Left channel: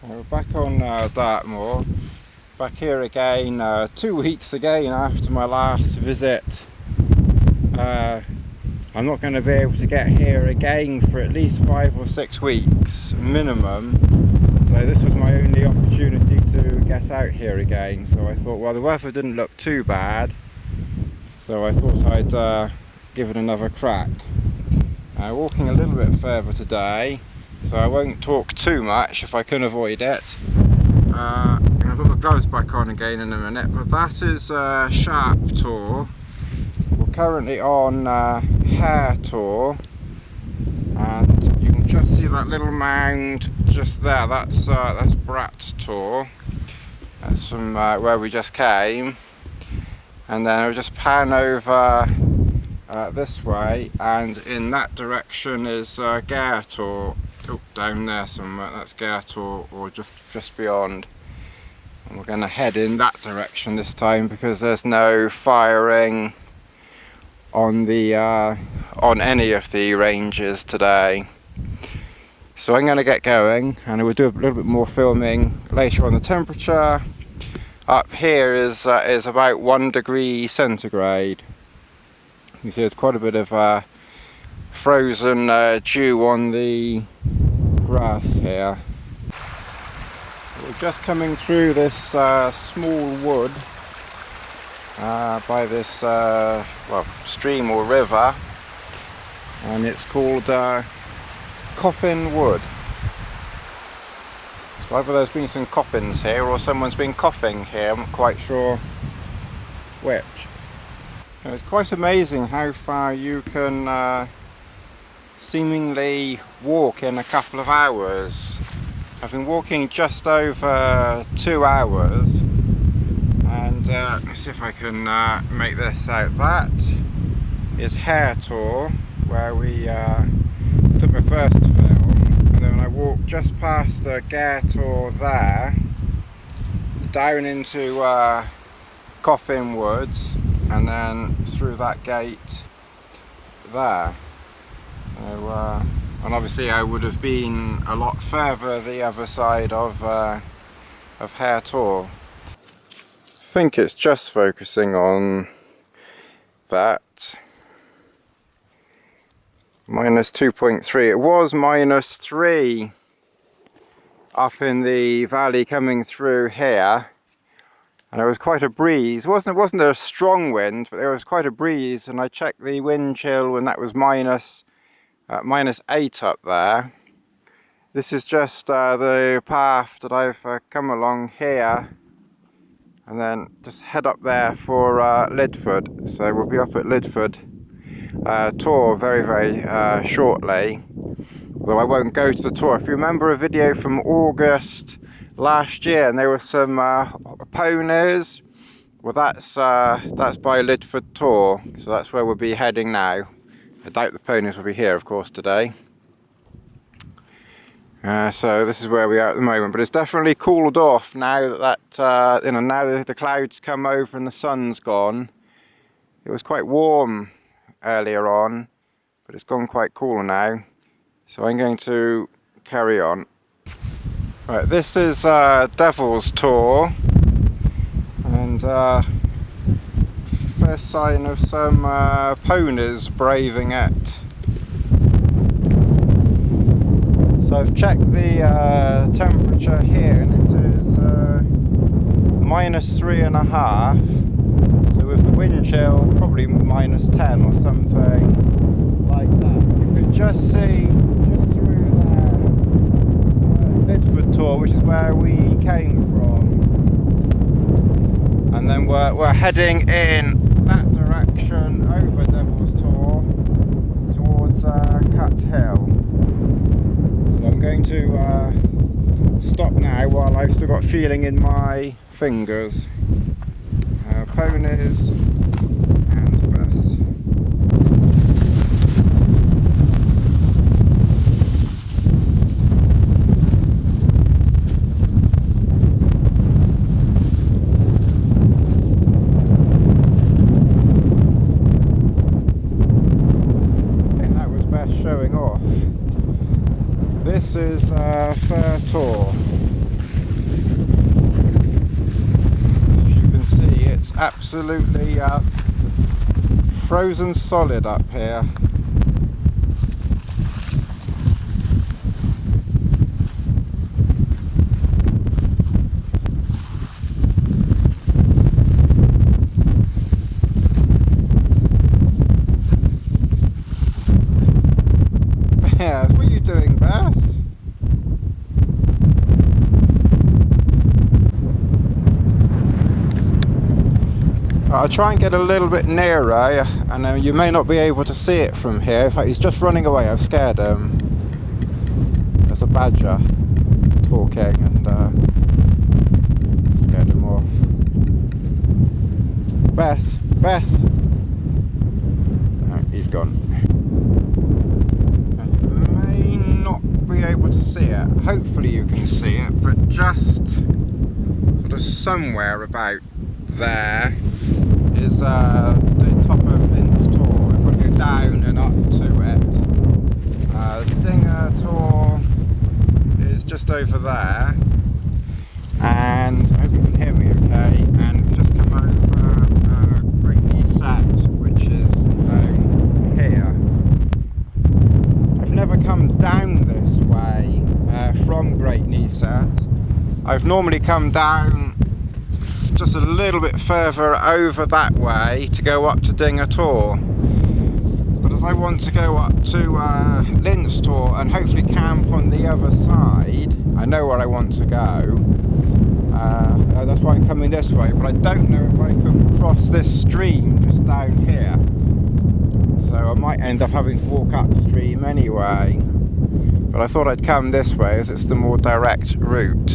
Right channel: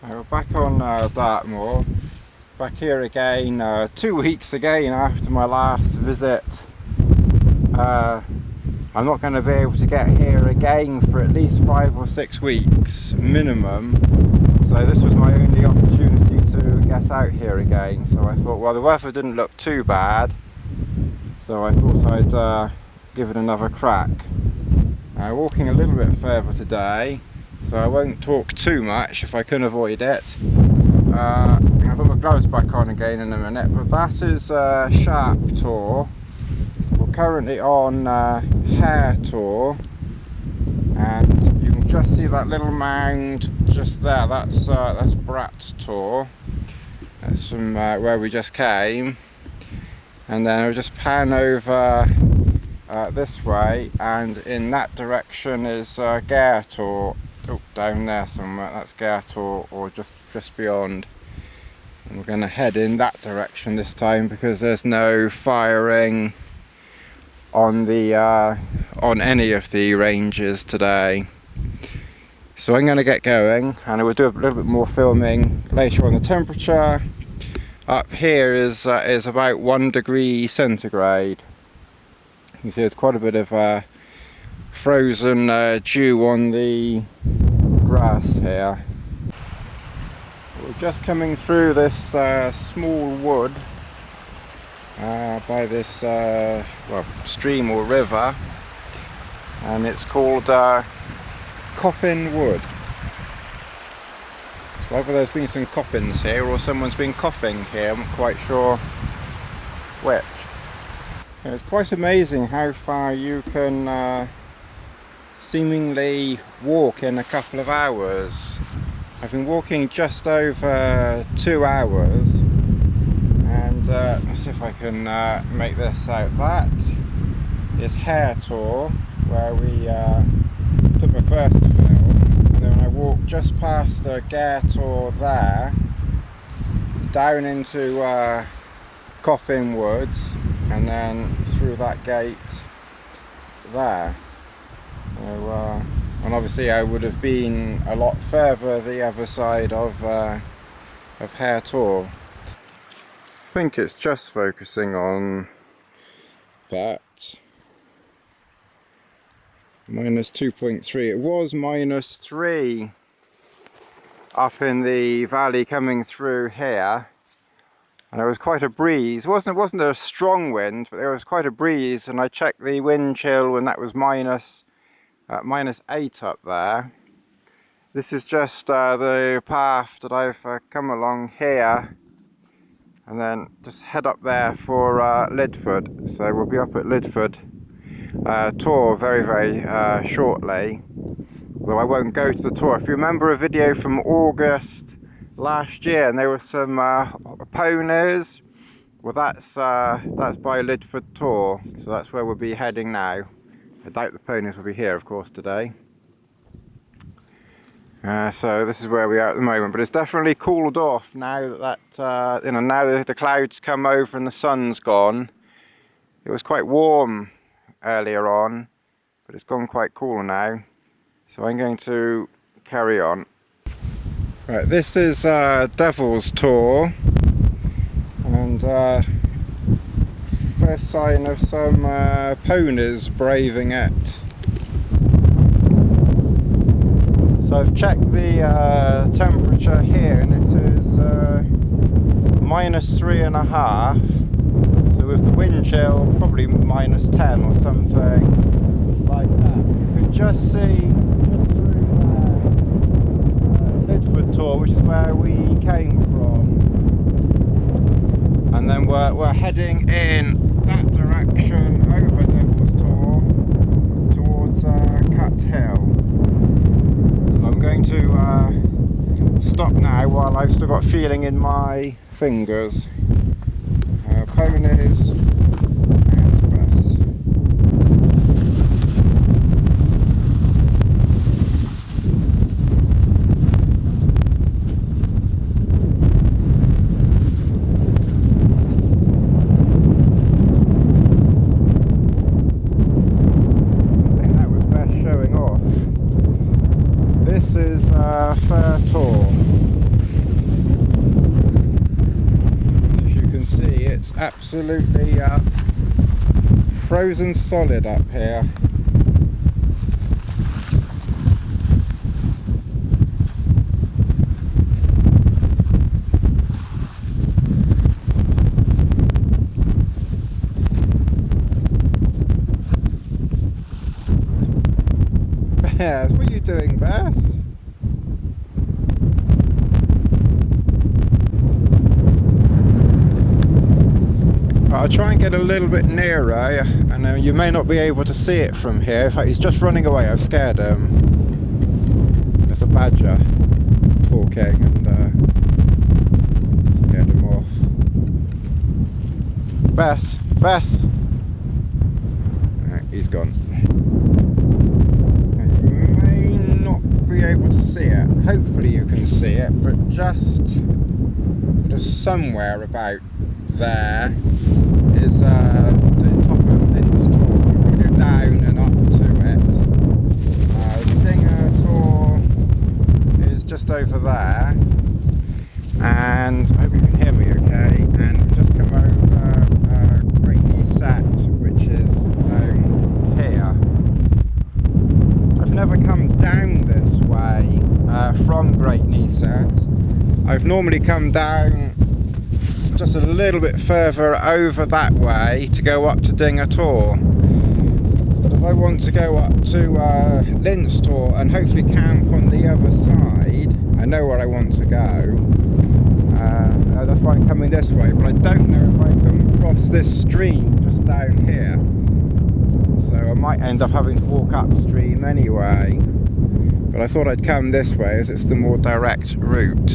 We're back on Dartmoor, back here again 2 weeks again after my last visit. I'm not going to be able to get here again for at least 5 or 6 weeks minimum, so this was my only opportunity to get out here again. So I thought, well, the weather didn't look too bad, so I thought I'd give it another crack. Walking a little bit further today, so I won't talk too much if I can avoid it. I'll put my gloves back on again in a minute, but that is Sharp Tour. We're currently on Hare Tour, and you can just see that little mound just there. That's Brat Tour. That's from where we just came, and then I'll just pan over this way, and in that direction is Gare Tour. Oh, down there somewhere, that's Gare Tour, or just beyond. And we're going to head in that direction this time because there's no firing on the on any of the ranges today. So I'm going to get going, and we'll do a little bit more filming later on. The temperature up here is about 1 degree centigrade. You see there's quite a bit of frozen dew on the grass here. We're just coming through this small wood by this well, stream or river, and it's called Coffin Wood. So either there's been some coffins here or someone's been coughing here, I'm not quite sure which. And it's quite amazing how far you can seemingly walk in a couple of hours. I've been walking just over 2 hours, and let's see if I can make this out. That is Hare Tour, where we took the first film, and then I walked just past the Gare Tour there, down into Coffin Woods, and then through that gate there. So, and obviously I would have been a lot further the other side of Hare Tour. I think it's just focusing on that. Minus 2.3. It was minus 3 up in the valley coming through here, and there was quite a breeze. It wasn't a strong wind, but there was quite a breeze, and I checked the wind chill when that was minus 8 up there. This is just the path that I've come along here, and then just head up there for Lidford. So we'll be up at Lidford Tour very shortly, although I won't go to the tour. If you remember a video from August last year, and there were some ponies, well, that's by Lidford Tour, so that's where we'll be heading now. I doubt the ponies will be here, of course, today. So this is where we are at the moment, but it's definitely cooled off now that you know, now that the clouds come over and the sun's gone. It was quite warm earlier on, but it's gone quite cool now. So I'm going to carry on. Right, this is Devil's Tour, and first sign of some ponies braving it. So I've checked the temperature here, and it is minus 3.5. So with the wind chill, probably minus 10 or something like that. You can just see just through there Lidford Tour, which is where we came from, and then we're heading in that direction over Devil's Tour towards Cut Hill. So I'm going to stop now while I've still got feeling in my fingers. Ponies and breath. Showing off. This is Fair Tour. absolutely frozen solid up here. Bears, what are you doing, Bears? I'll try and get a little bit nearer, and you may not be able to see it from here. In fact, he's just running away. I've scared him. There's a badger talking, and scared him off. Bess! Bess! No, he's gone. You may not be able to see it. Hopefully you can see it, but just sort of somewhere about there is the top of its tour. If I go down and up to it, the Dinger tour is just over there, and I hope you can hear me okay, and just come over Great Set, which is down here. I've never come down this way from Great Set. I've normally come down just a little bit further over that way to go up to Dinger Tor, but as I want to go up to Linz Tor and hopefully camp on the other side, I know where I want to go. That's why I'm coming this way, but I don't know if I can cross this stream just down here, so I might end up having to walk upstream anyway, but I thought I'd come this way as it's the more direct route.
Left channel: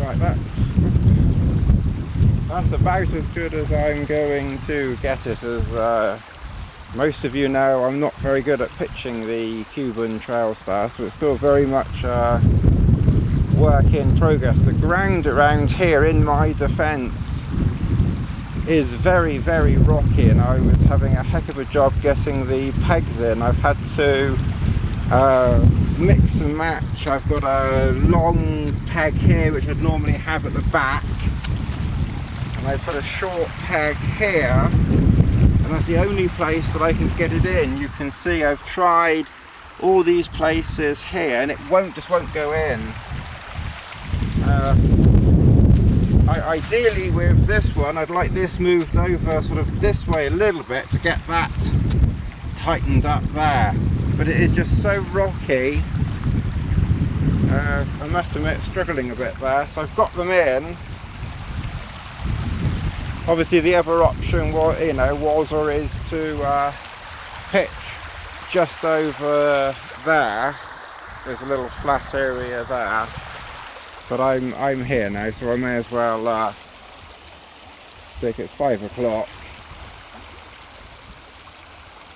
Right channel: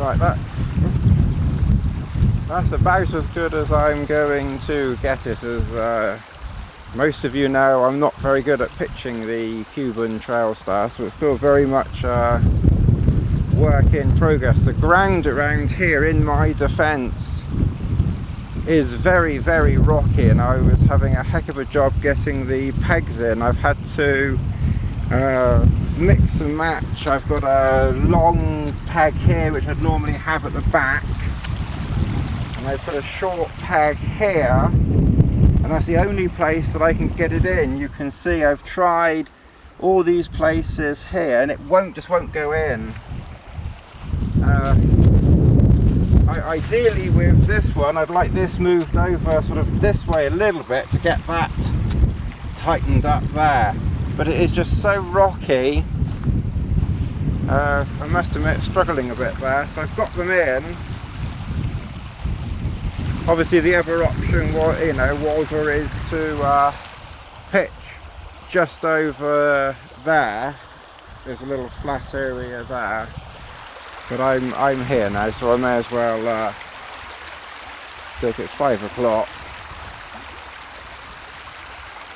Right, that's about as good as I'm going to get it. As most of you know, I'm not very good at pitching the Cuben Trailstar, so it's still very much work in progress. The ground around here, in my defence, is very, very rocky, and I was having a heck of a job getting the pegs in. I've had to mix and match. I've got a long peg here which I'd normally have at the back, and I put a short peg here, and that's the only place that I can get it in. You can see I've tried all these places here and it just won't go in. Ideally with this one, I'd like this moved over sort of this way a little bit to get that tightened up there, but it is just so rocky I must admit, struggling a bit there. So I've got them in. Obviously the other option was, was or is to pitch just over there. There's a little flat area there, but I'm here now, so I may as well stick. It's 5 o'clock.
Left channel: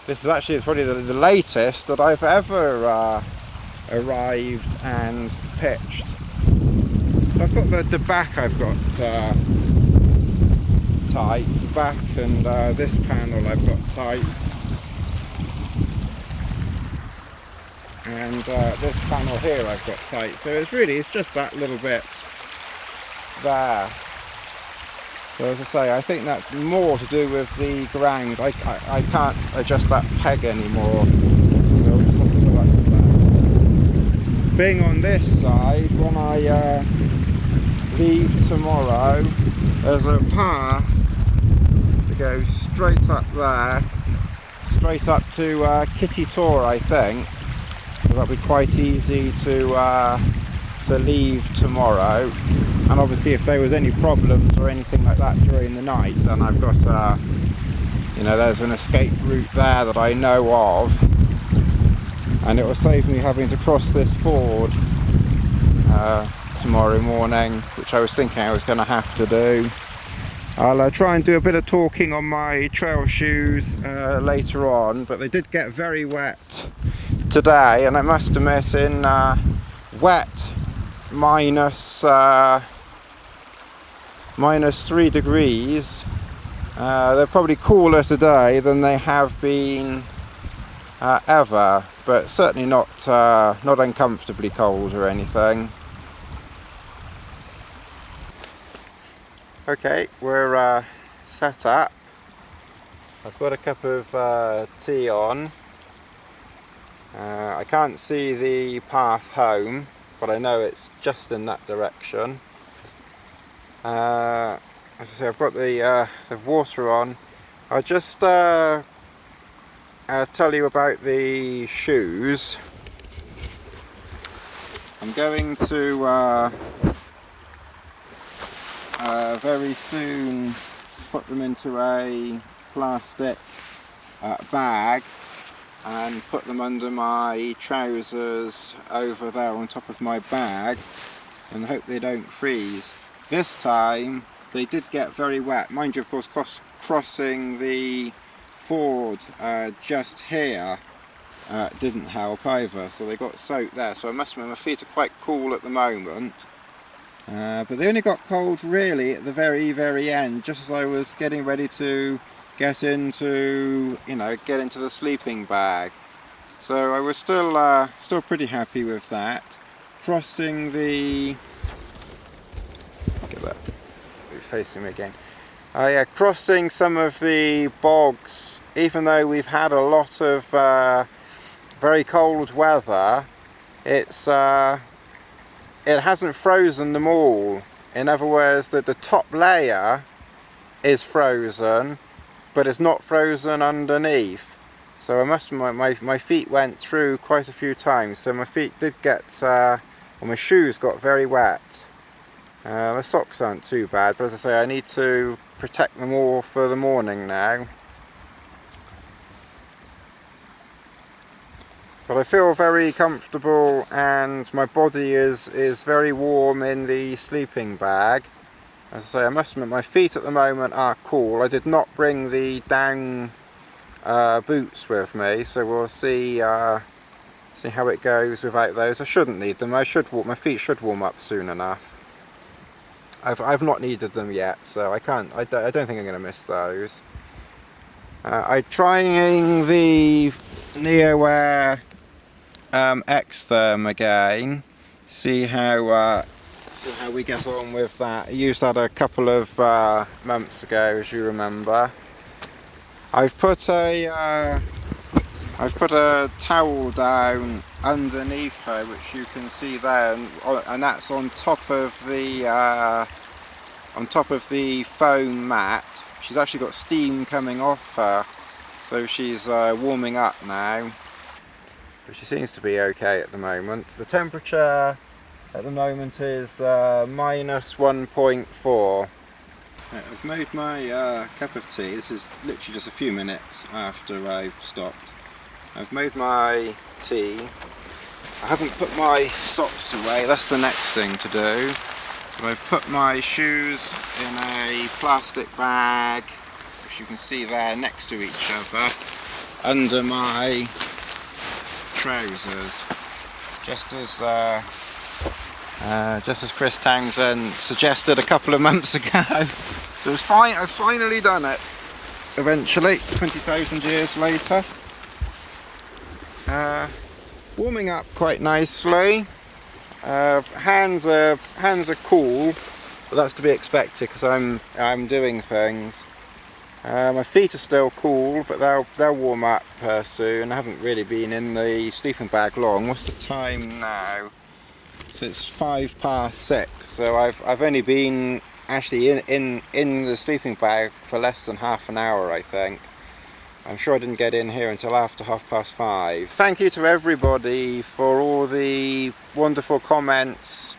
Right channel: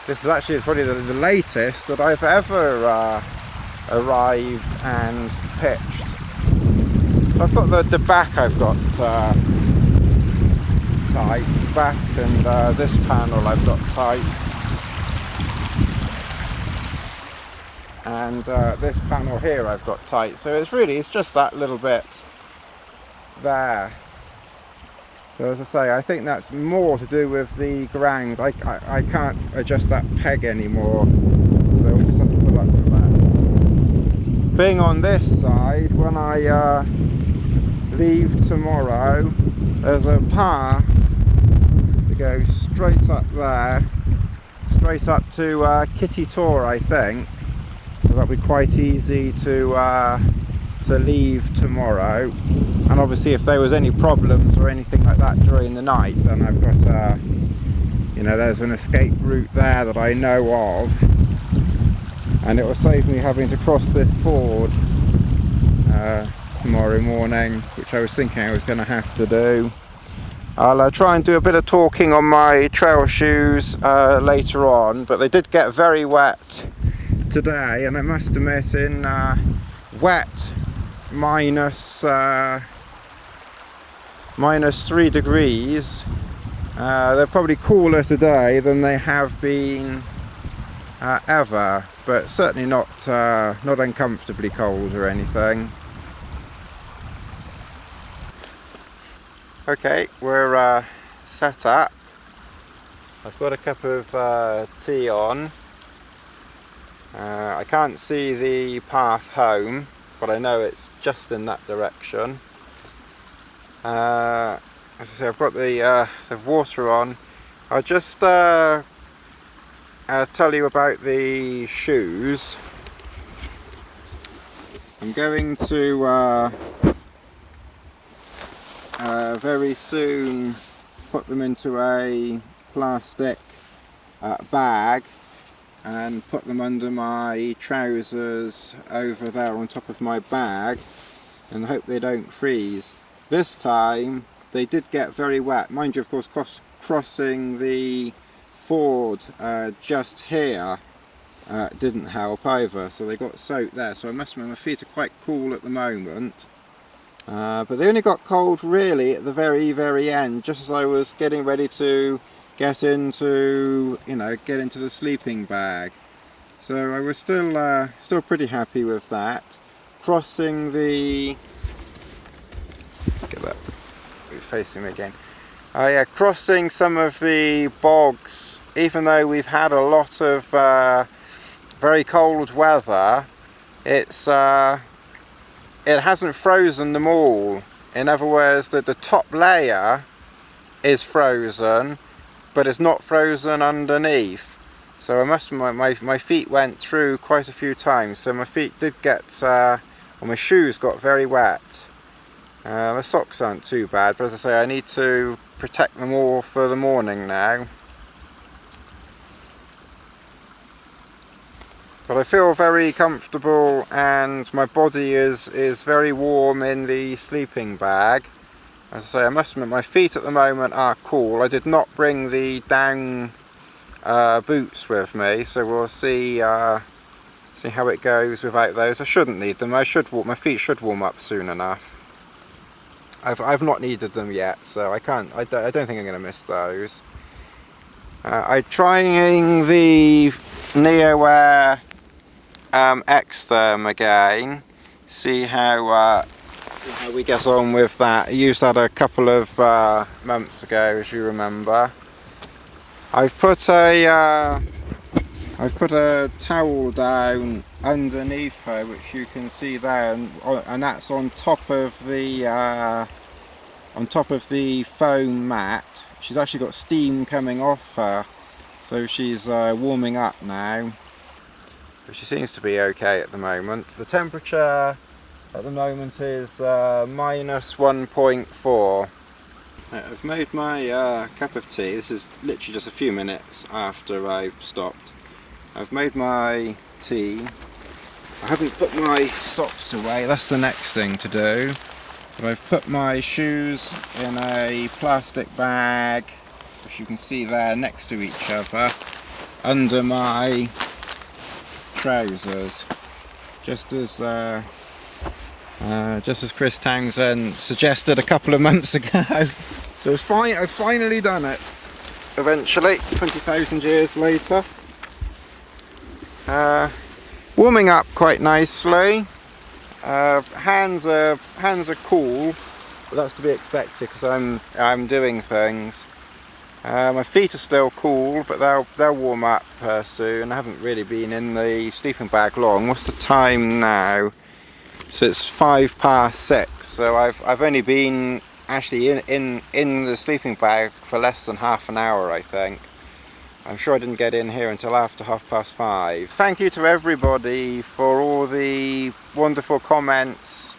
This is actually probably the latest that I've ever arrived and pitched. So I've got the back, I've got tight, back, and this panel I've got tight, and this panel here I've got tight. So it's just that little bit there. So as I say, I think that's more to do with the ground. I can't adjust that peg anymore, so I'll just have to pull that to that. Being on this side, when I leave tomorrow, there's a path that goes straight up there, straight up to Kitty Tor, I think. So that'll be quite easy to leave tomorrow. And obviously if there was any problems or anything like that during the night, then I've got there's an escape route there that I know of, and it will save me having to cross this ford tomorrow morning, which I was thinking I was going to have to do. I'll try and do a bit of talking on my trail shoes later on, but they did get very wet today, and I must admit, in wet minus 3 degrees, they're probably cooler today than they have been ever, but certainly not uncomfortably cold or anything. Okay, we're set up. I've got a cup of tea on. I can't see the path home, but I know it's just in that direction. As I say, I've got the water on. I'll just tell you about the shoes. I'm going to very soon put them into a plastic bag and put them under my trousers over there on top of my bag, and hope they don't freeze. This time they did get very wet. Mind you, of course, crossing the ford just here didn't help either, so they got soaked there. So I must admit, my feet are quite cool at the moment, but they only got cold really at the very end, just as I was getting ready to get into the sleeping bag. So I was still pretty happy with that. Crossing the, get that facing me again. Crossing some of the bogs, even though we've had a lot of very cold weather, it hasn't frozen them all. In other words, that the top layer is frozen, but it's not frozen underneath. So I must admit, my feet went through quite a few times, so my feet did get, my shoes got very wet. The socks aren't too bad, but as I say, I need to protect them all for the morning now. But I feel very comfortable, and my body is very warm in the sleeping bag. As I say, I must admit, my feet at the moment are cool. I did not bring the down boots with me, so we'll see how it goes without those. I shouldn't need them. My feet should warm up soon enough. I've not needed them yet, so I don't think I'm going to miss those. I'm trying the Neo XTherm again. See how we get on with that. I used that a couple of months ago, as you remember. I've put a towel down underneath her, which you can see there, and that's on top of the foam mat. She's actually got steam coming off her, so she's warming up now. But she seems to be okay at the moment. The temperature at the moment is minus 1.4. I've made my cup of tea. This is literally just a few minutes after I've stopped. I've made my tea. I haven't put my socks away, that's the next thing to do. So I've put my shoes in a plastic bag, which you can see there next to each other, under my trousers. Just as Chris Townsend suggested a couple of months ago. So it's fine, I've finally done it. Eventually, 20,000 years later. Warming up quite nicely. Hands are cool, but that's to be expected because I'm doing things. My feet are still cool, but they'll warm up soon. I haven't really been in the sleeping bag long. What's the time now? So it's 6:05. So I've only been actually in the sleeping bag for less than half an hour, I think. I'm sure I didn't get in here until after 5:30. Thank you to everybody for all the wonderful comments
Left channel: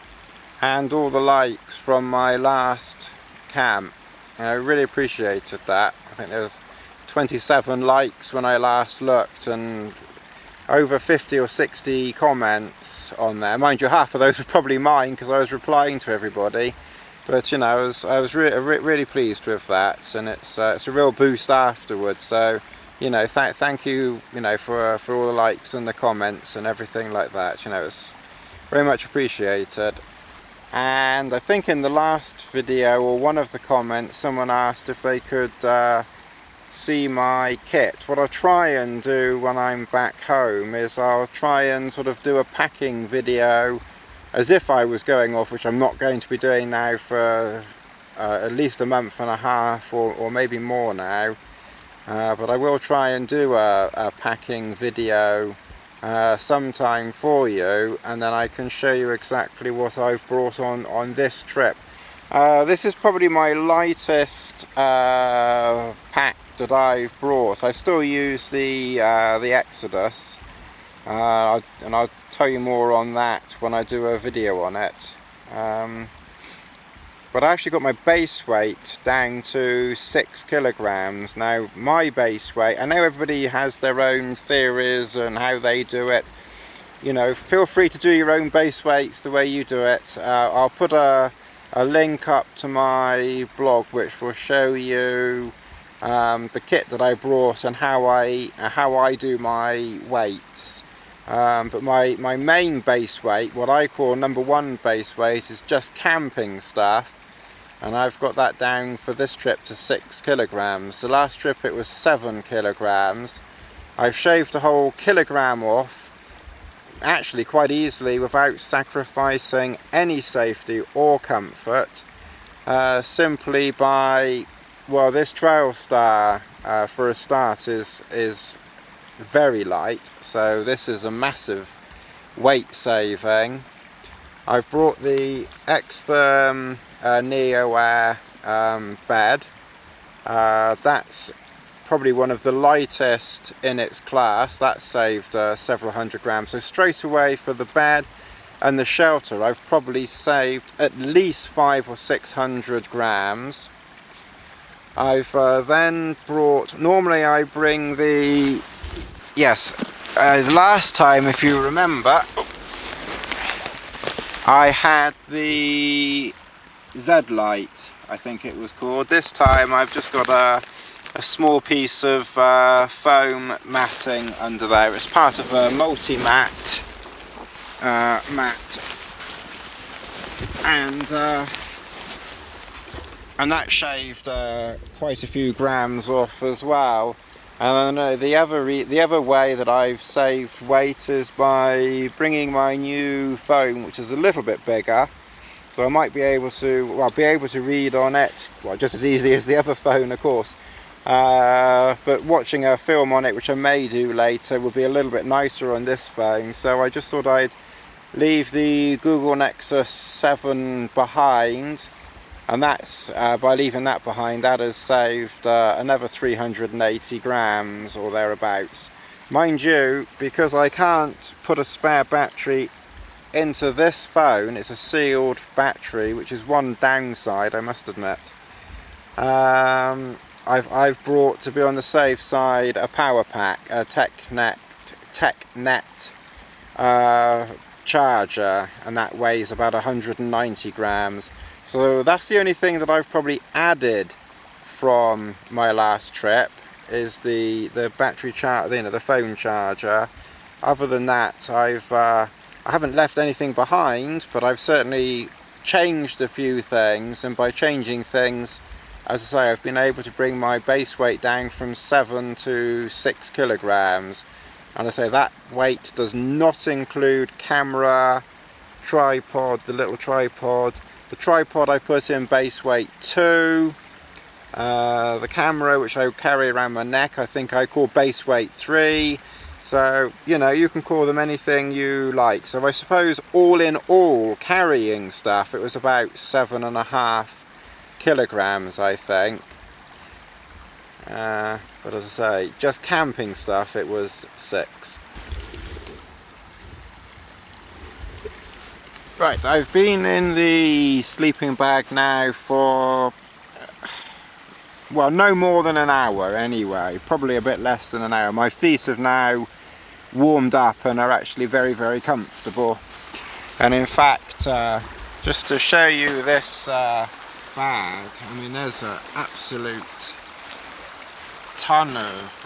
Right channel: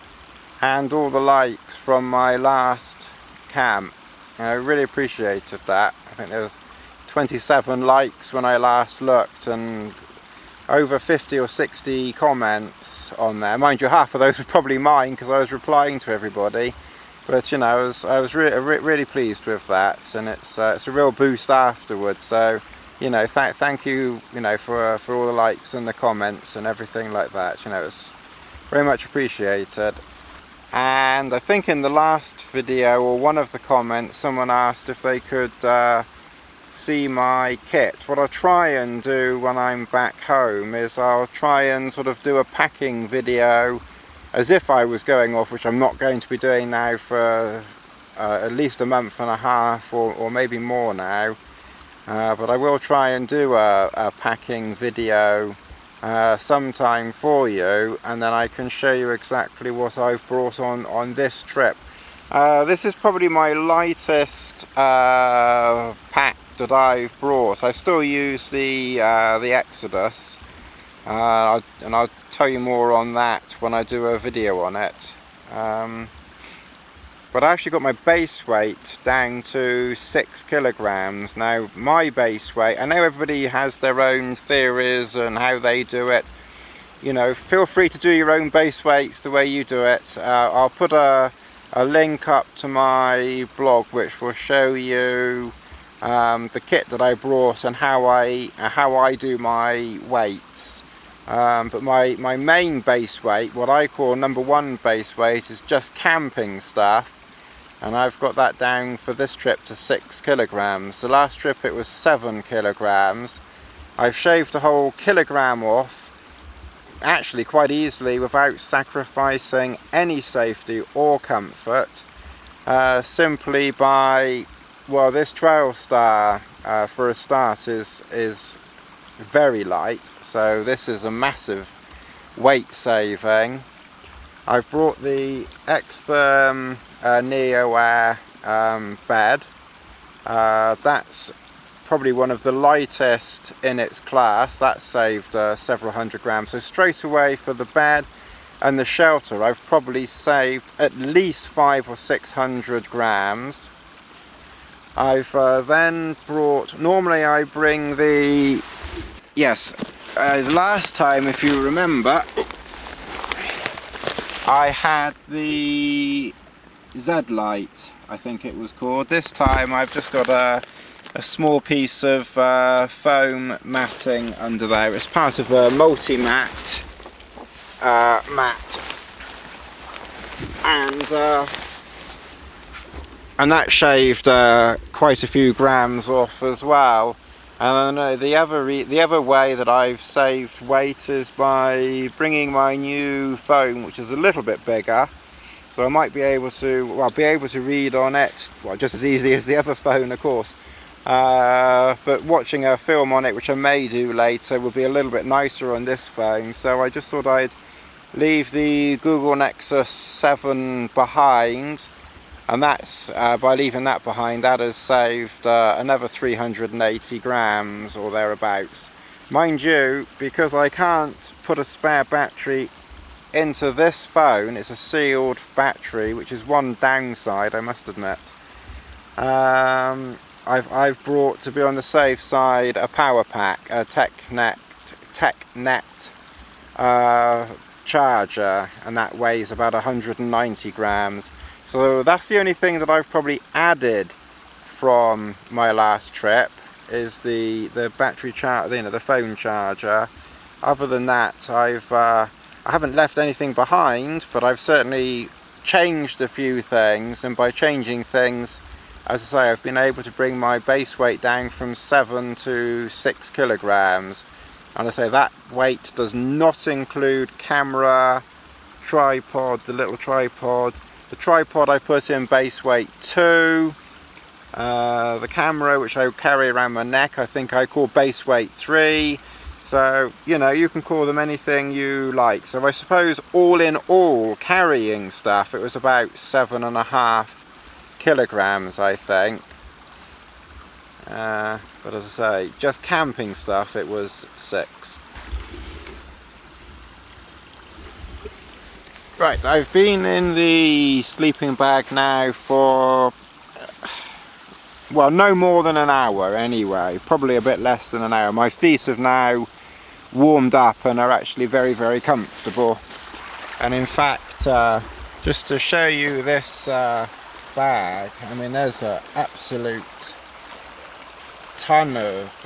and all the likes from my last camp. I really appreciated that. I think there was 27 likes when I last looked and over 50 or 60 comments on there. Mind you, half of those were probably mine because I was replying to everybody. But you know, I was really pleased with that, and it's a real boost afterwards. So you know, thank you, you know, for all the likes and the comments and everything like that. You know, it's very much appreciated. And I think in the last video or one of the comments, someone asked if they could see my kit. What I'll try and do when I'm back home is I'll try and sort of do a packing video as if I was going off, which I'm not going to be doing now for at least a month and a half or maybe more now. But I will try and do a packing video sometime for you, and then I can show you exactly what I've brought on this trip. This is probably my lightest pack that I've brought. I still use the Exodus, and I'll tell you more on that when I do a video on it. But I actually got my base weight down to 6 kilograms. Now my base weight, I know everybody has their own theories and how they do it. You know, feel free to do your own base weights the way you do it. I'll put a link up to my blog which will show you the kit that I brought and how I do my weights. But my main base weight, what I call number one base weight, is just camping stuff, and I've got that down for this trip to 6 kilograms. The last trip it was 7 kilograms. I've shaved a whole kilogram off, actually quite easily, without sacrificing any safety or comfort, simply by, well, this Trailstar for a start is very light, so this is a massive weight saving. I've brought the XTherm Neo Air bed. That's probably one of the lightest in its class. That saved several hundred grams. So straight away for the bed and the shelter, I've probably saved at least 500 or 600 grams. I've then brought, normally I bring the, yes, last time, if you remember, I had the XLite, I think it was called. This time I've just got a small piece of foam matting under there. It's part of a multi-mat mat, and that shaved quite a few grams off as well. And the other way that I've saved weight is by bringing my new phone, which is a little bit bigger, so I might be able to, be able to read on it, well, just as easily as the other phone, of course. But watching a film on it, which I may do later, would be a little bit nicer on this phone. So I just thought I'd leave the Google Nexus 7 behind. And that's, by leaving that behind, that has saved another 380 grams or thereabouts. Mind you, because I can't put a spare battery into this phone. It's a sealed battery, which is one downside, I must admit. I've brought, to be on the safe side, a power pack, a TechNet charger, and that weighs about 190 grams. So that's the only thing that I've probably added from my last trip, is the battery charger, the phone charger. Other than that, I haven't left anything behind, but I've certainly changed a few things, and by changing things, as I say, I've been able to bring my base weight down from 7 to 6 kilograms. And I say that weight does not include camera, tripod, the little tripod. The tripod I put in base weight 2. The camera, which I carry around my neck, I think I call base weight 3. So, you know, you can call them anything you like. So I suppose all in all, carrying stuff, it was about 7.5 kilograms, I think. But as I say, just camping stuff, it was 6. Right, I've been in the sleeping bag now for, well, no more than an hour anyway, probably a bit less than an hour. My feet have now warmed up and are actually very, very comfortable. And in fact, just to show you this bag, I mean, there's an absolute ton of,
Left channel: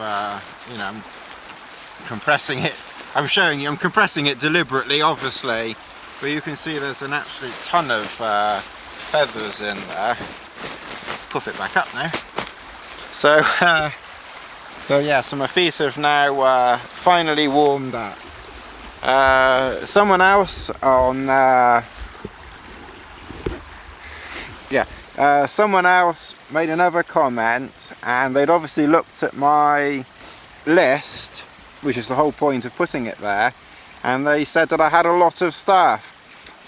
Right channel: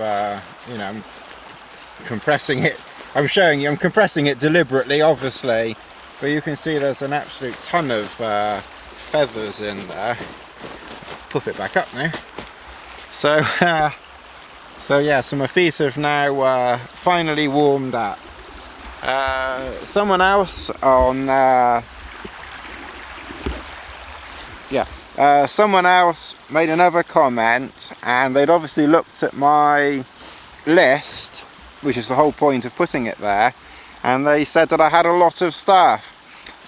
you know, I'm compressing it. I'm showing you, I'm compressing it deliberately, obviously, but you can see there's an absolute ton of feathers in there. Put it back up now. So yeah, so my feet have now finally warmed up. Someone else on someone else made another comment, and they'd obviously looked at my list, which is the whole point of putting it there, and they said that I had a lot of stuff.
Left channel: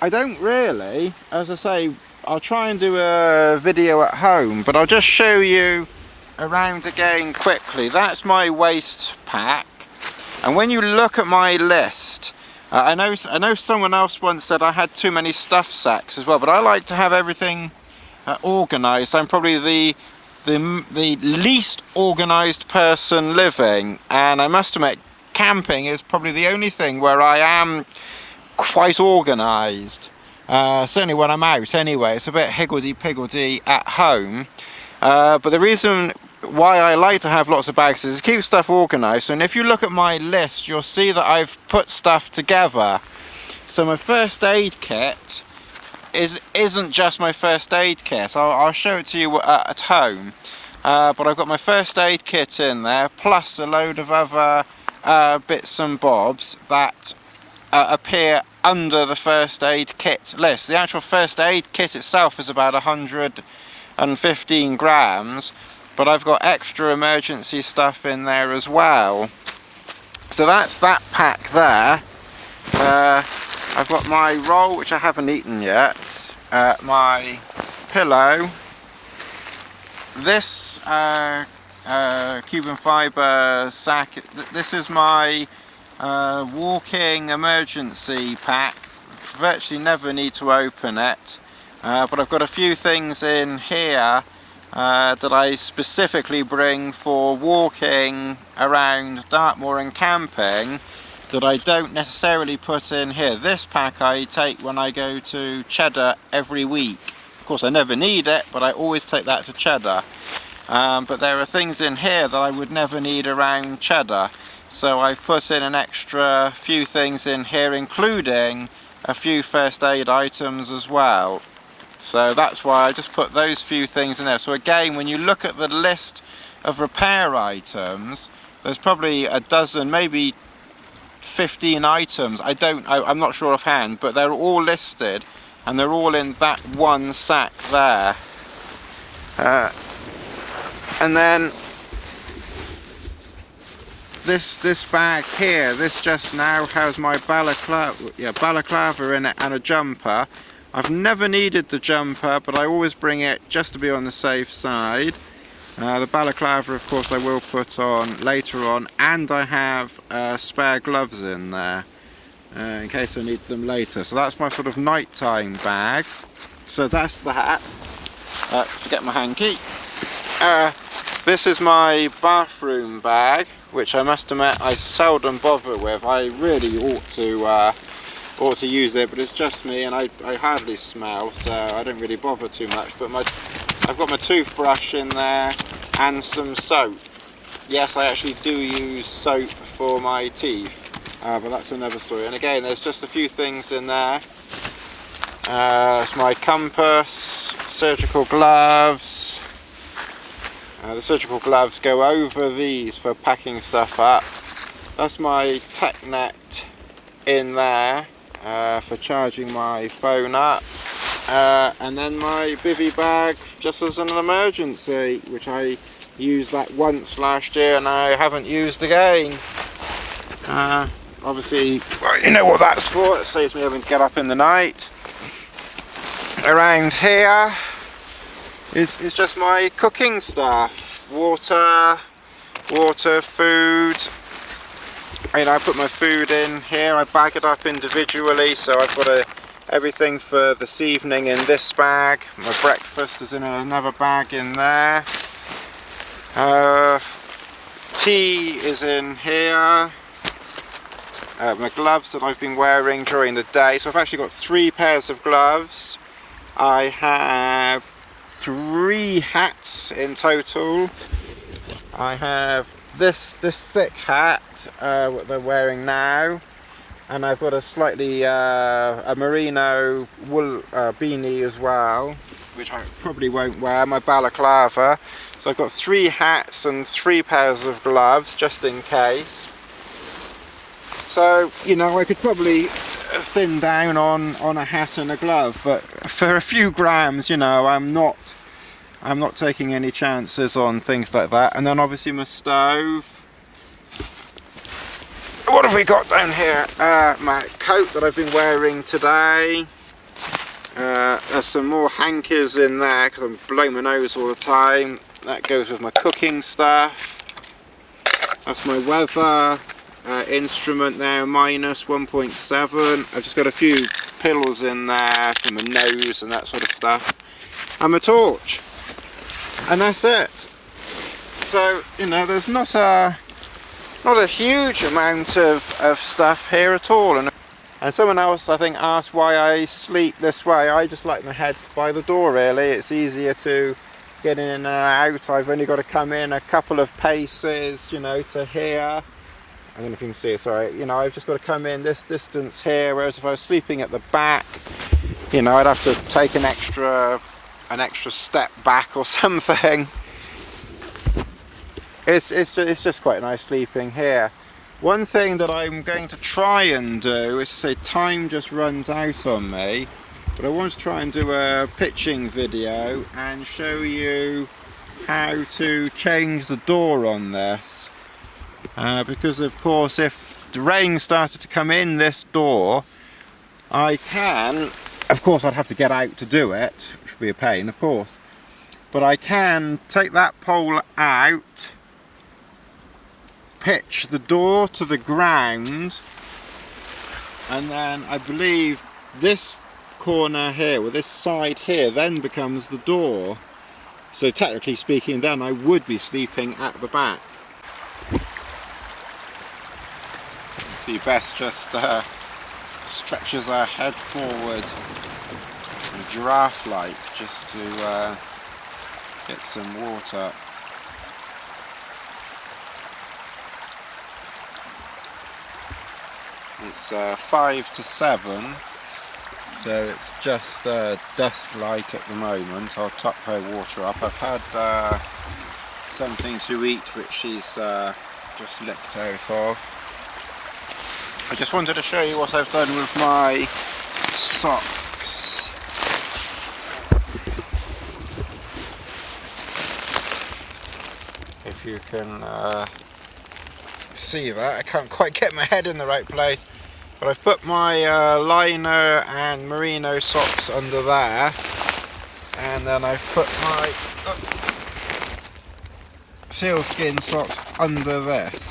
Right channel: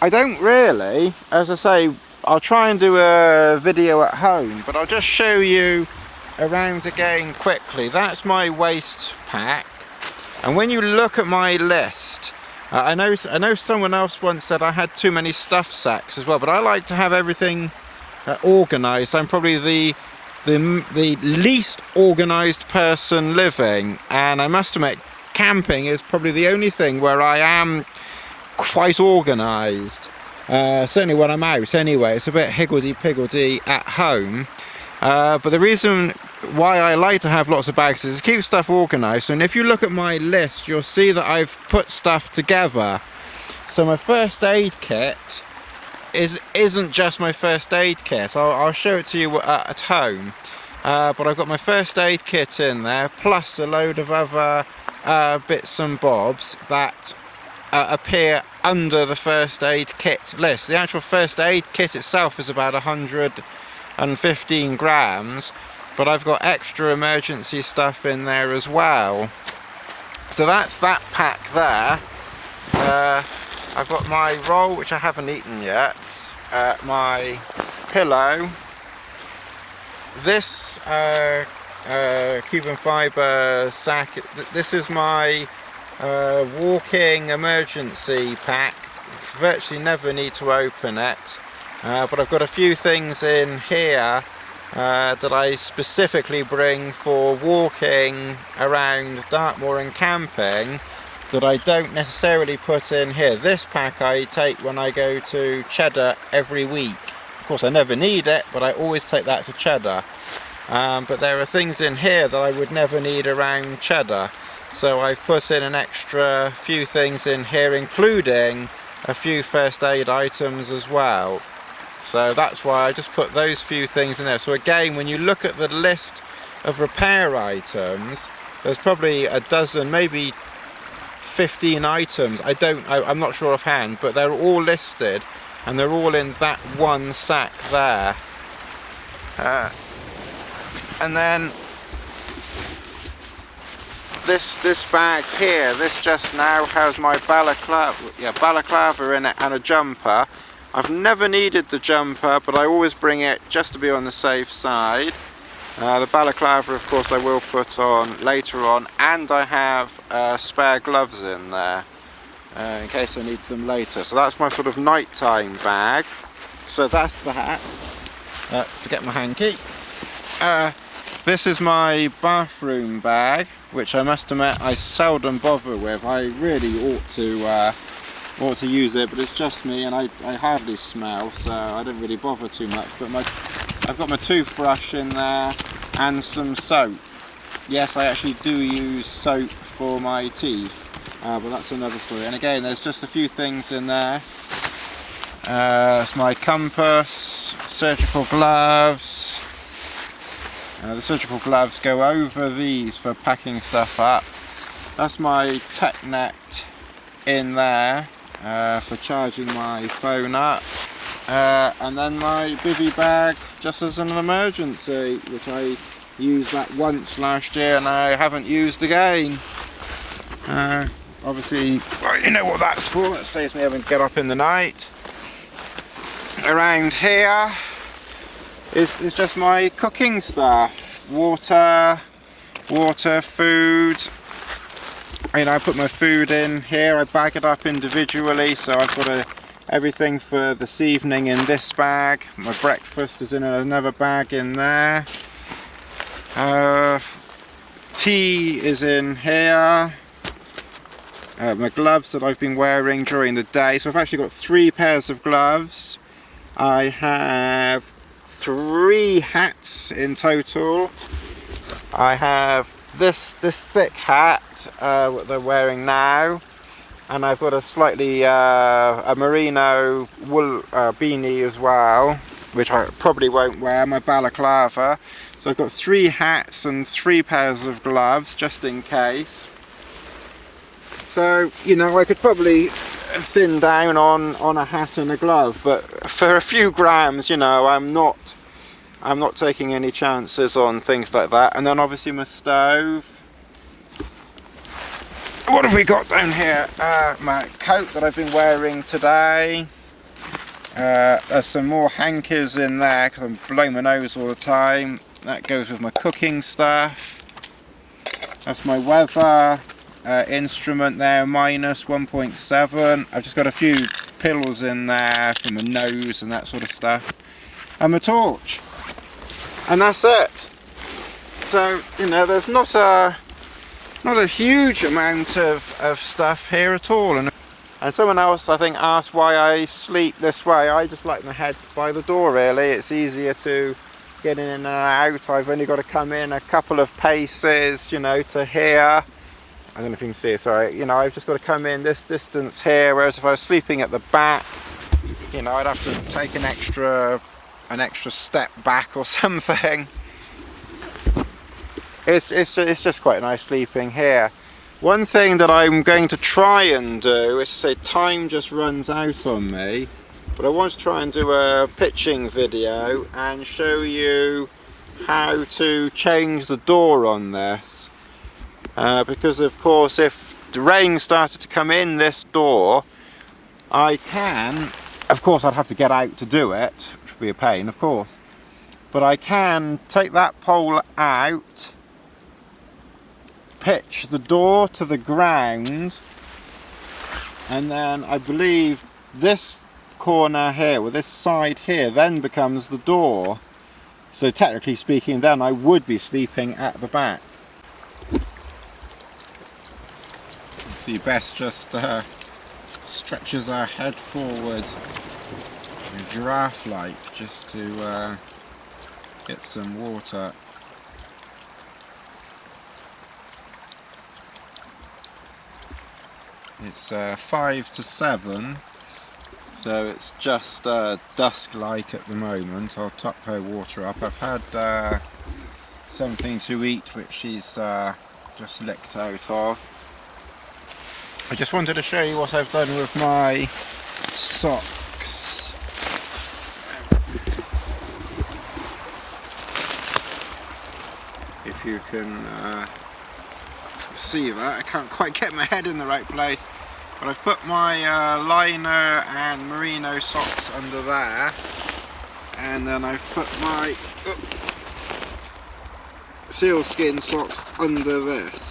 I don't really. As I say, I'll try and do a video at home, but I'll just show you around again quickly. That's my waist pack, and when you look at my list, I know someone else once said I had too many stuff sacks as well, but I like to have everything organised. I'm probably the least organised person living, and I must admit, camping is probably the only thing where I am quite organised. Certainly when I'm out anyway. It's a bit higgledy-piggledy at home, but the reason why I like to have lots of bags is to keep stuff organised. And if you look at my list, you'll see that I've put stuff together. So my first aid kit isn't just my first aid kit. I'll show it to you at home, but I've got my first aid kit in there, plus a load of other bits and bobs that appear under the first aid kit list. The actual first aid kit itself is about 115 grams, but I've got extra emergency stuff in there as well. So that's that pack there. I've got my roll, which I haven't eaten yet, my pillow, this Cuben fibre sack. This is my walking emergency pack. Virtually never need to open it, but I've got a few things in here that I specifically bring for walking around Dartmoor and camping that I don't necessarily put in here. This pack I take when I go to Cheddar every week. Of course I never need it, but I always take that to Cheddar. But there are things in here that I would never need around Cheddar. So I've put in an extra few things in here, including a few first aid items as well. So that's why I just put those few things in there. So again, when you look at the list of repair items, there's probably a dozen, maybe 15 items. I'm not sure offhand, but they're all listed and they're all in that one sack there. And then this bag here, this just now has my balaclava in it and a jumper. I've never needed the jumper, but I always bring it just to be on the safe side. The balaclava, of course, I will put on later on, and I have spare gloves in there. in case I need them later. So that's my sort of nighttime bag. So that's the hat. Forget my hanky. This is my bathroom bag, which I must admit I seldom bother with. I really ought to use it, but it's just me, and I hardly smell, so I don't really bother too much. But I've got my toothbrush in there and some soap. Yes, I actually do use soap for my teeth, but that's another story. And again, there's just a few things in there. It's my compass, surgical gloves. The surgical gloves go over these for packing stuff up. That's my tech net in there for charging my phone up. And then my bivvy bag just as an emergency, which I used that once last year and I haven't used again. Obviously, you know what that's for. It saves me having to get up in the night. Around here is just my cooking stuff. Water, food. You know, I put my food in here. I bag it up individually, so I've got everything for this evening in this bag. My breakfast is in another bag in there. Tea is in here. My gloves that I've been wearing during the day. So I've actually got 3 pairs of gloves. I have 3 hats in total. I have this thick hat, what they're wearing now, and I've got a slightly a merino wool beanie as well, which I probably won't wear, my balaclava. So I've got 3 hats and 3 pairs of gloves just in case. So, you know, I could probably thin down on a hat and a glove, but for a few grams, you know, I'm not taking any chances on things like that. And then obviously my stove. What have we got down here? My coat that I've been wearing today. There's some more hankers in there because I'm blowing my nose all the time. That goes with my cooking stuff. That's my weather instrument now, minus 1.7. I've just got a few pills in there for my nose and that sort of stuff. And my torch. And that's it. So, you know, there's not a huge amount of stuff here at all. And someone else, I think, asked why I sleep this way. I just like my head by the door, really. It's easier to get in and out. I've only got to come in a couple of paces, you know, to here. I don't know if you can see it, sorry. You know, I've just got to come in this distance here, whereas if I was sleeping at the back, you know, I'd have to take an extra step back or something. It's just quite nice sleeping here. One thing that I'm going to try and do is to say time just runs out on me, but I want to try and do a pitching video and show you how to change the door on this. Because of course if the rain started to come in this door, I can, of course I'd have to get out to do it, which would be a pain of course, but I can take that pole out, pitch the door to the ground, and then I believe this corner here, or this side here, then becomes the door. So technically speaking then I would be sleeping at the back. So Bess just stretches her head forward in giraffe like just to get some water. It's 5 to 7, so it's just dusk-like at the moment. I'll top her water up. I've had something to eat which she's just licked out of. I just wanted to show you what I've done with my socks. If you can see that, I can't quite get my head in the right place, but I've put my liner and merino socks under there, and then I've put my sealskin socks under this.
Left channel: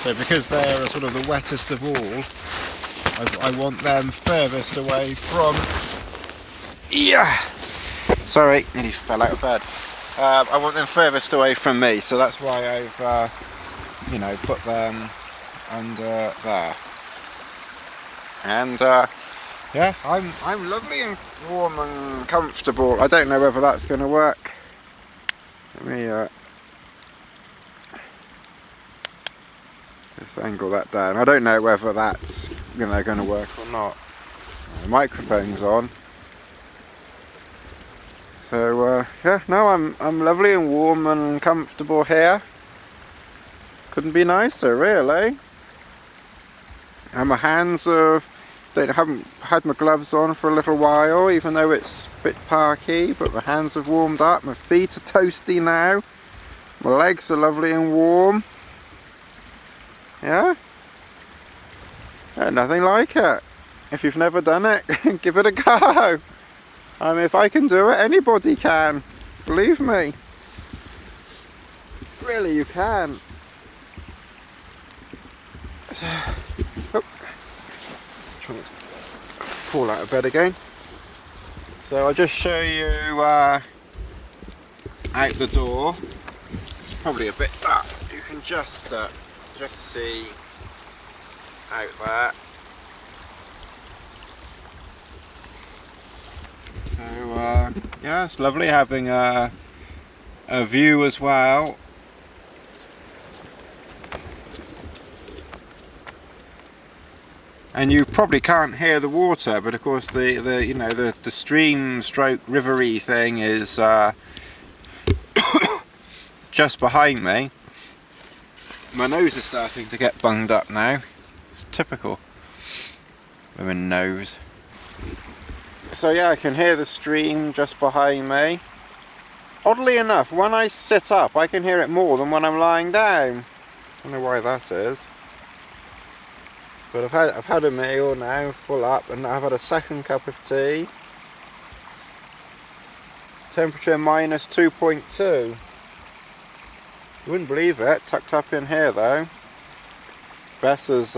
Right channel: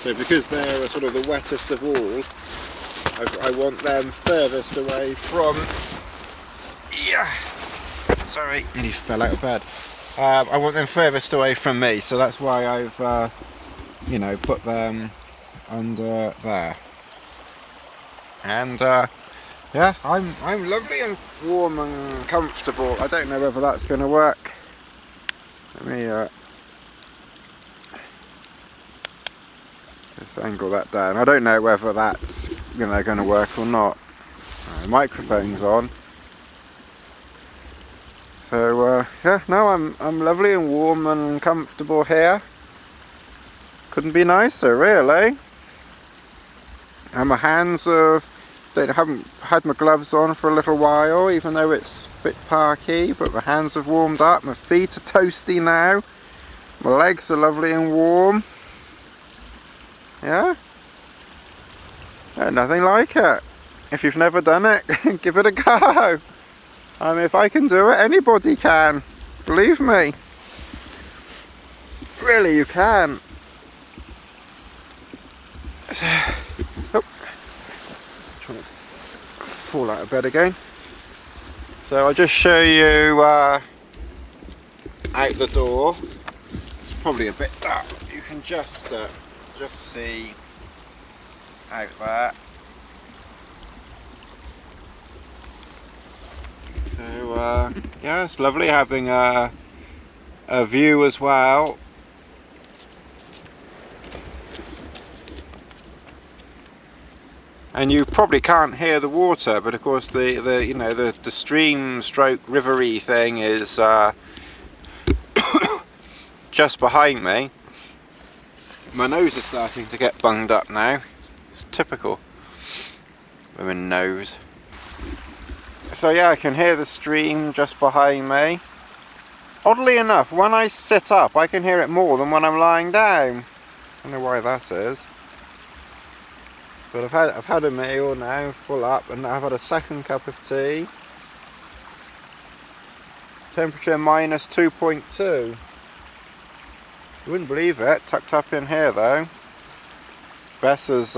So because they're sort of the wettest of all, I want them furthest away from, sorry, nearly fell out of bed. I want them furthest away from me, so that's why I've you know, put them under there. And yeah, I'm lovely and warm and comfortable. I don't know whether that's going to work. Let me just angle that down. I don't know whether that's going to work or not. The microphone's on. So yeah, no, I'm lovely and warm and comfortable here. Couldn't be nicer, really. And my hands are, haven't had my gloves on for a little while, even though it's a bit parky, but my hands have warmed up. My feet are toasty now. My legs are lovely and warm. Yeah? Nothing like it. If you've never done it, give it a go. I mean, if I can do it, anybody can. Believe me. Really, you can. Oh, trying to fall out of bed again. So I'll just show you out the door. It's probably a bit dark. You can just see out there. So yeah, it's lovely having a view as well. And you probably can't hear the water, but of course the stream stroke rivery thing is just behind me. My nose is starting to get bunged up now. Typical women nose. So yeah, I can hear the stream just behind me. Oddly enough, when I sit up, I can hear it more than when I'm lying down. I don't know why that is. But I've had a meal now, full up, and I've had a second cup of tea. Temperature minus 2.2. You wouldn't believe it, tucked up in here though. Bess has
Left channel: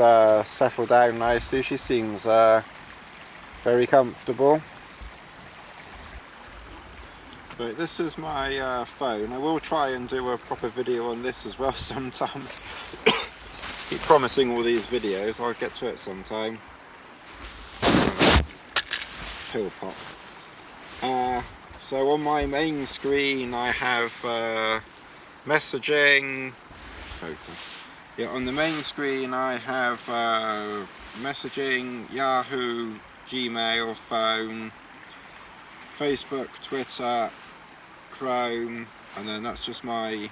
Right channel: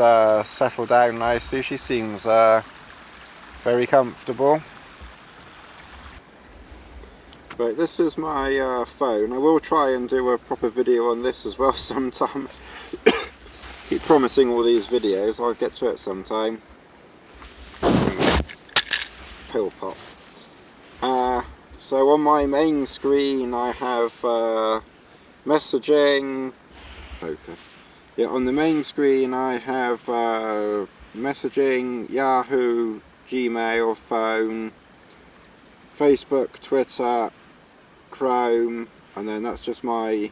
settled down nicely, she seems very comfortable. But this is my phone. I will try and do a proper video on this as well sometime. Keep promising all these videos, I'll get to it sometime. Pill pop. So on my main screen I have messaging, focus. Yeah, on the main screen I have messaging, Yahoo, Gmail, phone, Facebook, Twitter, Chrome, and then that's just my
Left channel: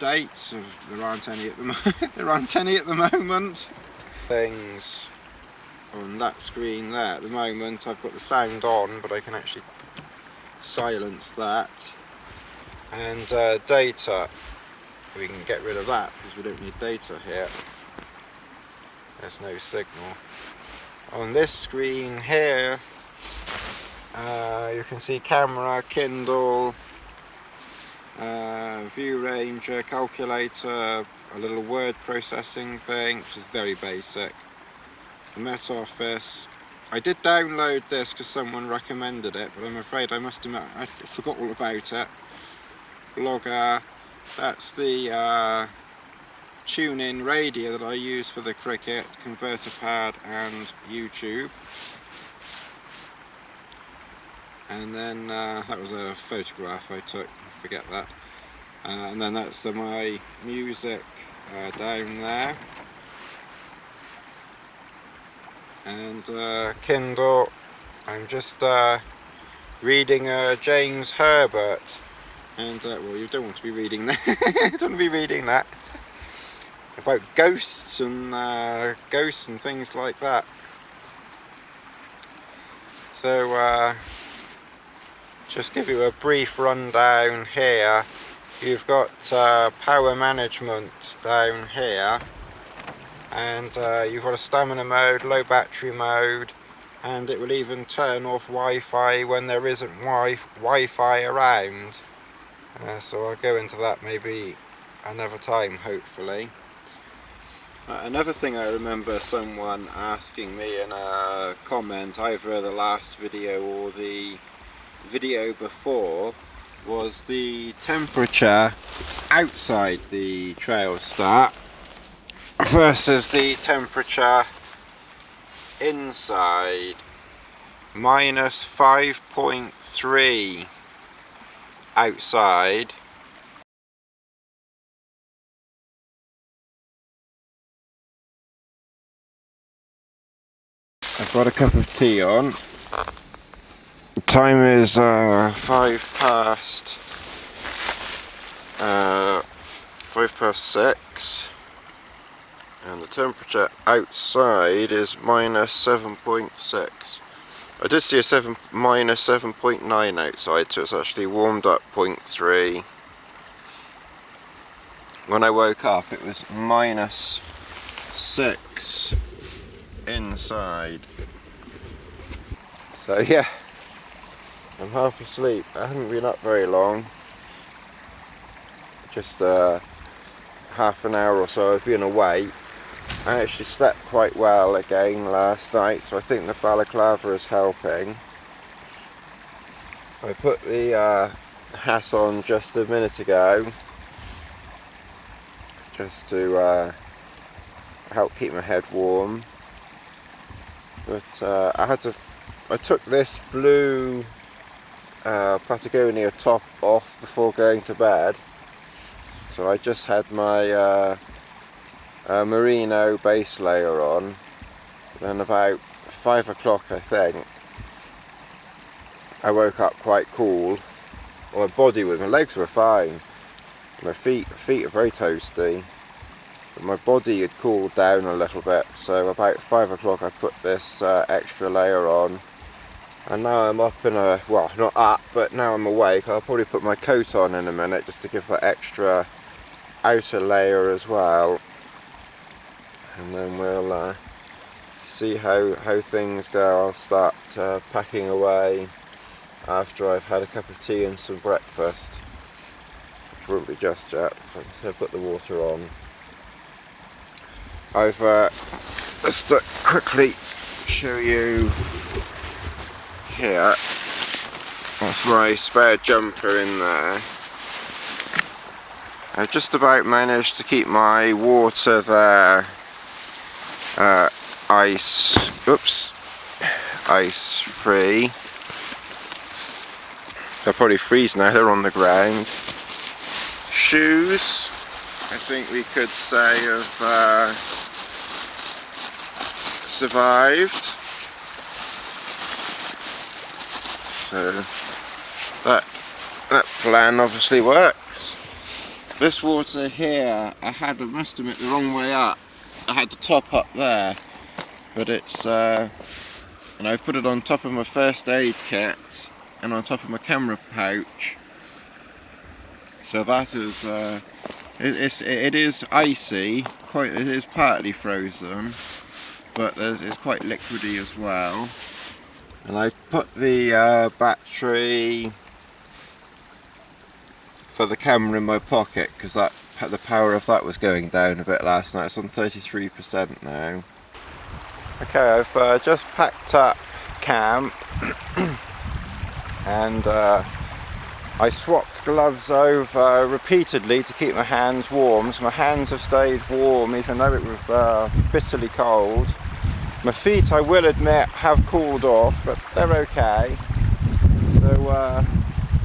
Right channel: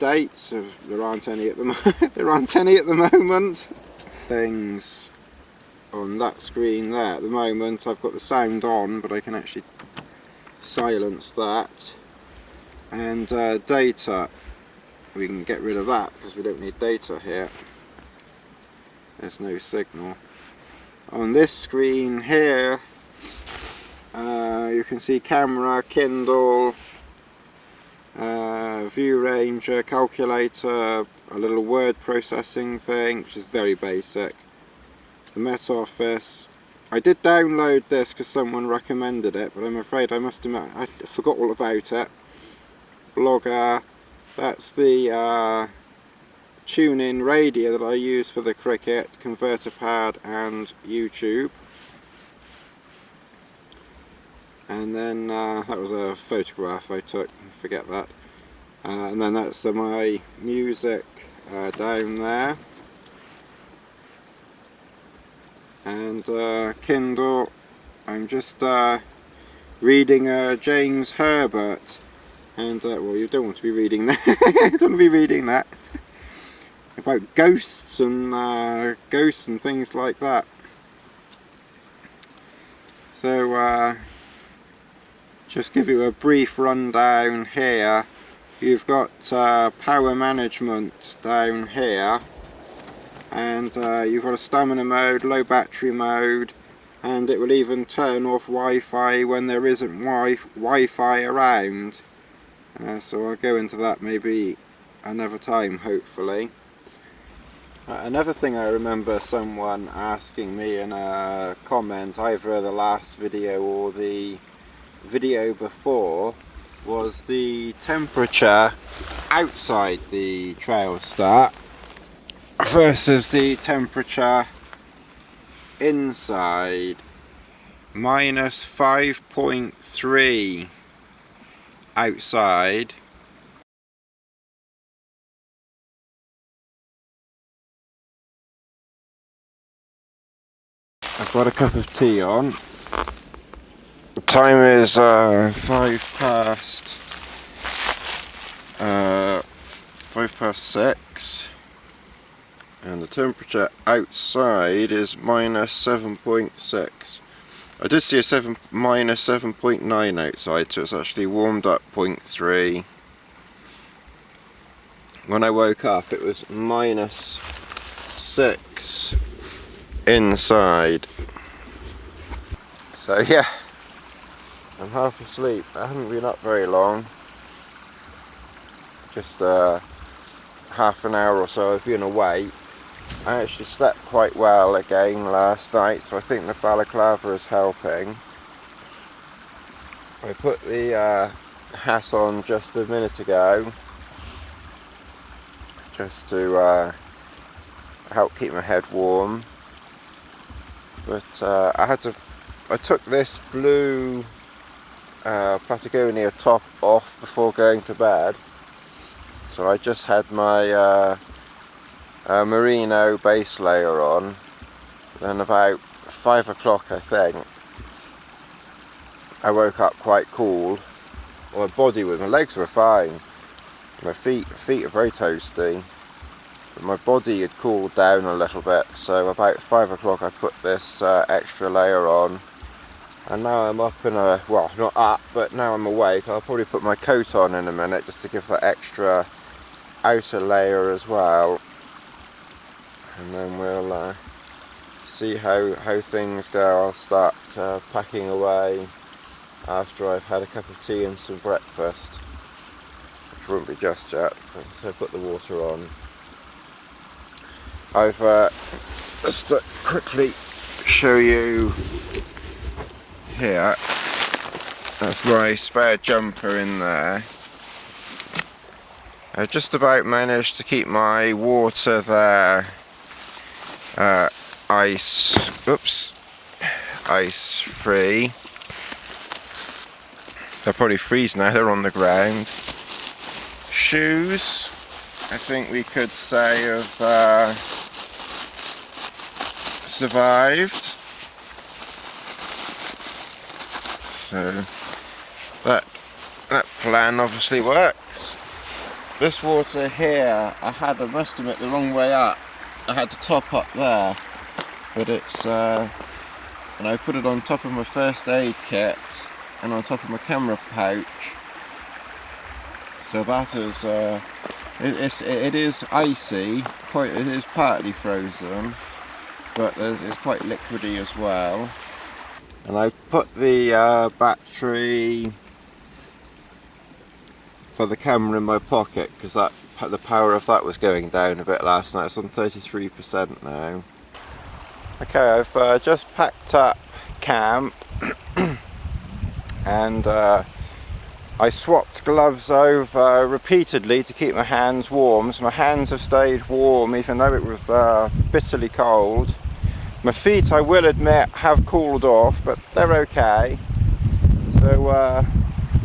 dates. There aren't any at the moment. Things on that screen there at the moment. I've got the sound on, but I can actually silence that. And data, we can get rid of that because we don't need data here. There's no signal. On this screen here, you can see camera, Kindle, view ranger, calculator, a little word processing thing, which is very basic. The Met Office. I did download this because someone recommended it, but I'm afraid I must admit I forgot all about it. Blogger. That's the tune-in radio that I use for the cricket, converter pad and YouTube. And then that was a photograph I took, forget that. And then that's my music down there. And Kindle, I'm just reading James Herbert. And well, you don't want to be reading that. You don't want to be reading that. About ghosts and things like that. So just give you a brief rundown here. You've got power management down here, and you've got a stamina mode, low battery mode, and it will even turn off Wi-Fi when there isn't Wi-Fi around. So I'll go into that maybe another time, hopefully. Another thing I remember someone asking me in a comment, either the last video or the video before, was the temperature outside the Trailstar versus the temperature inside. Minus 5.3 outside. I've got a cup of tea on. The time is 5 past 6, and the temperature outside is minus 7.6. I did see a minus 7.9 outside, so it's actually warmed up 0.3. When I woke up, it was minus 6 inside. So yeah, I'm half asleep. I haven't been up very long. Just half an hour or so I've been awake. I actually slept quite well again last night, so I think the balaclava is helping. I put the hat on just a minute ago, just to help keep my head warm. But I took this blue Patagonia top off before going to bed. So I just had my merino base layer on. Then about 5 o'clock, I think, I woke up quite cool. My legs were fine. My feet are very toasty. But my body had cooled down a little bit. So about 5 o'clock I put this extra layer on. And now I'm up in a, well, not up, but now I'm awake. I'll probably put my coat on in a minute just to give that extra outer layer as well. And then we'll see how things go. I'll start packing away after I've had a cup of tea and some breakfast, which won't be just yet, but so I've put the water on. I've just to quickly show you here. That's my spare jumper in there. I've just about managed to keep my water there ice free. They'll probably freeze now, they're on the ground. Shoes, I think we could say have survived. So that plan obviously works. This water here, I must admit, the wrong way up. I had to top up there, but it's and I've put it on top of my first aid kit and on top of my camera pouch. So that is it is icy, it is partly frozen, but it's quite liquidy as well. And I put the battery for the camera in my pocket because the power of that was going down a bit last night. It's on 33% now. Okay, I've just packed up camp and I swapped gloves over repeatedly to keep my hands warm. So my hands have stayed warm even though it was bitterly cold. My feet, I will admit, have cooled off, but they're okay. So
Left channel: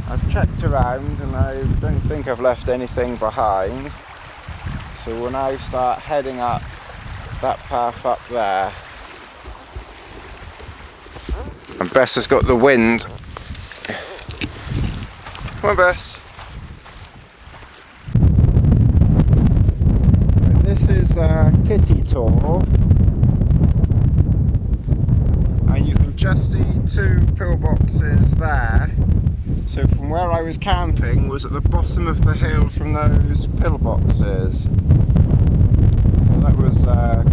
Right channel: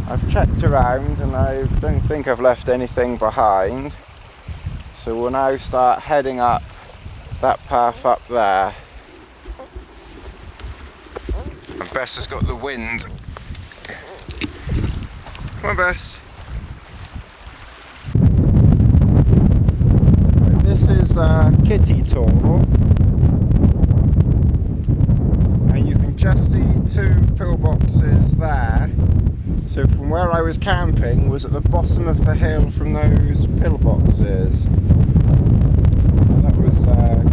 I've checked around and I don't think I've left anything behind. So we'll now start heading up that path up there. And Bess has got the wind. Come on, Bess. Right, this is Kitty Tor. And you can just see 2 pillboxes there. So from where I was camping was at the bottom of the hill from those pillboxes. That was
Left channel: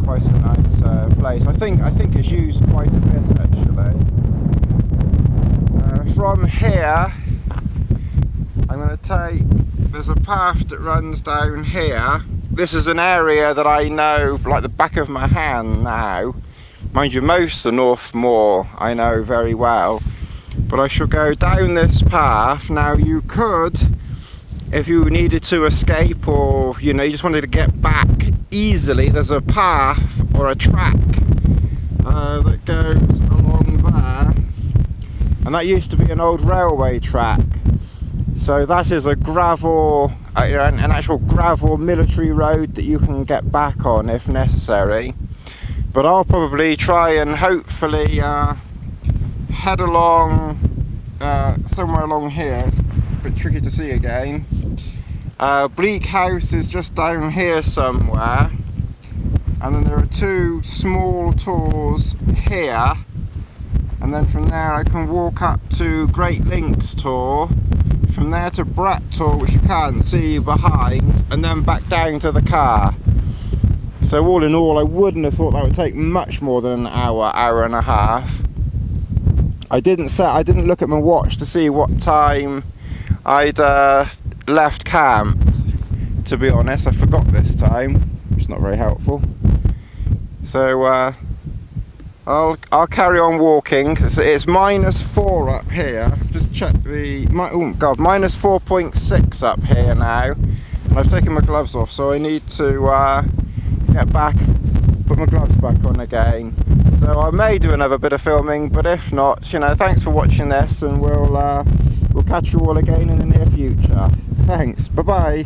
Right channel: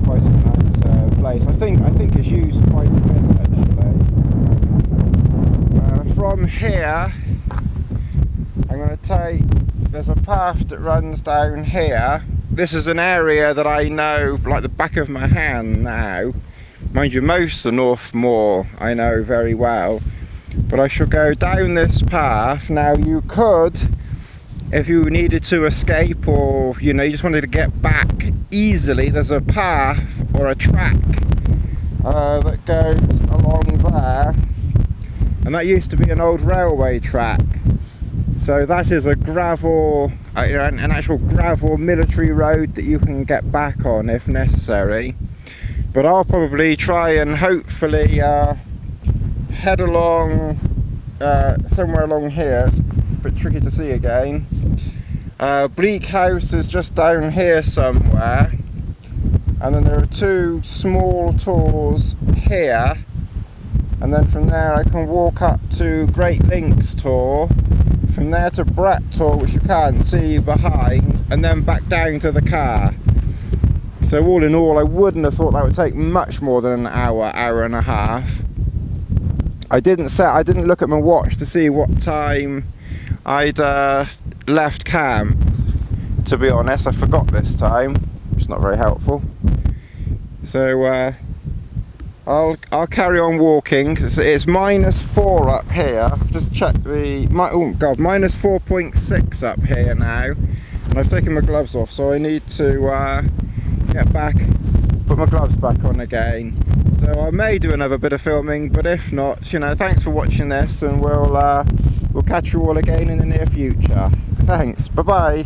quite a nice place. I think it's used quite a bit actually. From here, I'm going to take. There's a path that runs down here. this is an area that I know like the back of my hand now. Mind you, most of the North Moor I know very well, but I shall go down this path. Now you could, if you needed to escape, or you know, you just wanted to get back easily, there's a path or a track that goes along there, and that used to be an old railway track. So that is a gravel, an actual gravel military road that you can get back on if necessary. But I'll probably try and hopefully head along somewhere along here. It's a bit tricky to see again. Bleak House is just down here somewhere, and then there are two small tours here, and then from there I can walk up to Great Links Tor, from there to Brett Tor, which you can't see behind, and then back down to the car. So all in all, I wouldn't have thought that would take much more than an hour, hour and a half. I didn't look at my watch to see what time I'd left camp, to be honest. I forgot this time, which is not very helpful. So I'll carry on walking. It's -4 up here. Just check the, oh god, minus 4.6 up here now. And I've taken my gloves off, so I need to get back, put my gloves back on again. So I may do another bit of filming, but if not, you know, thanks for watching this, and we'll catch you all again in the near future. Thanks, bye bye.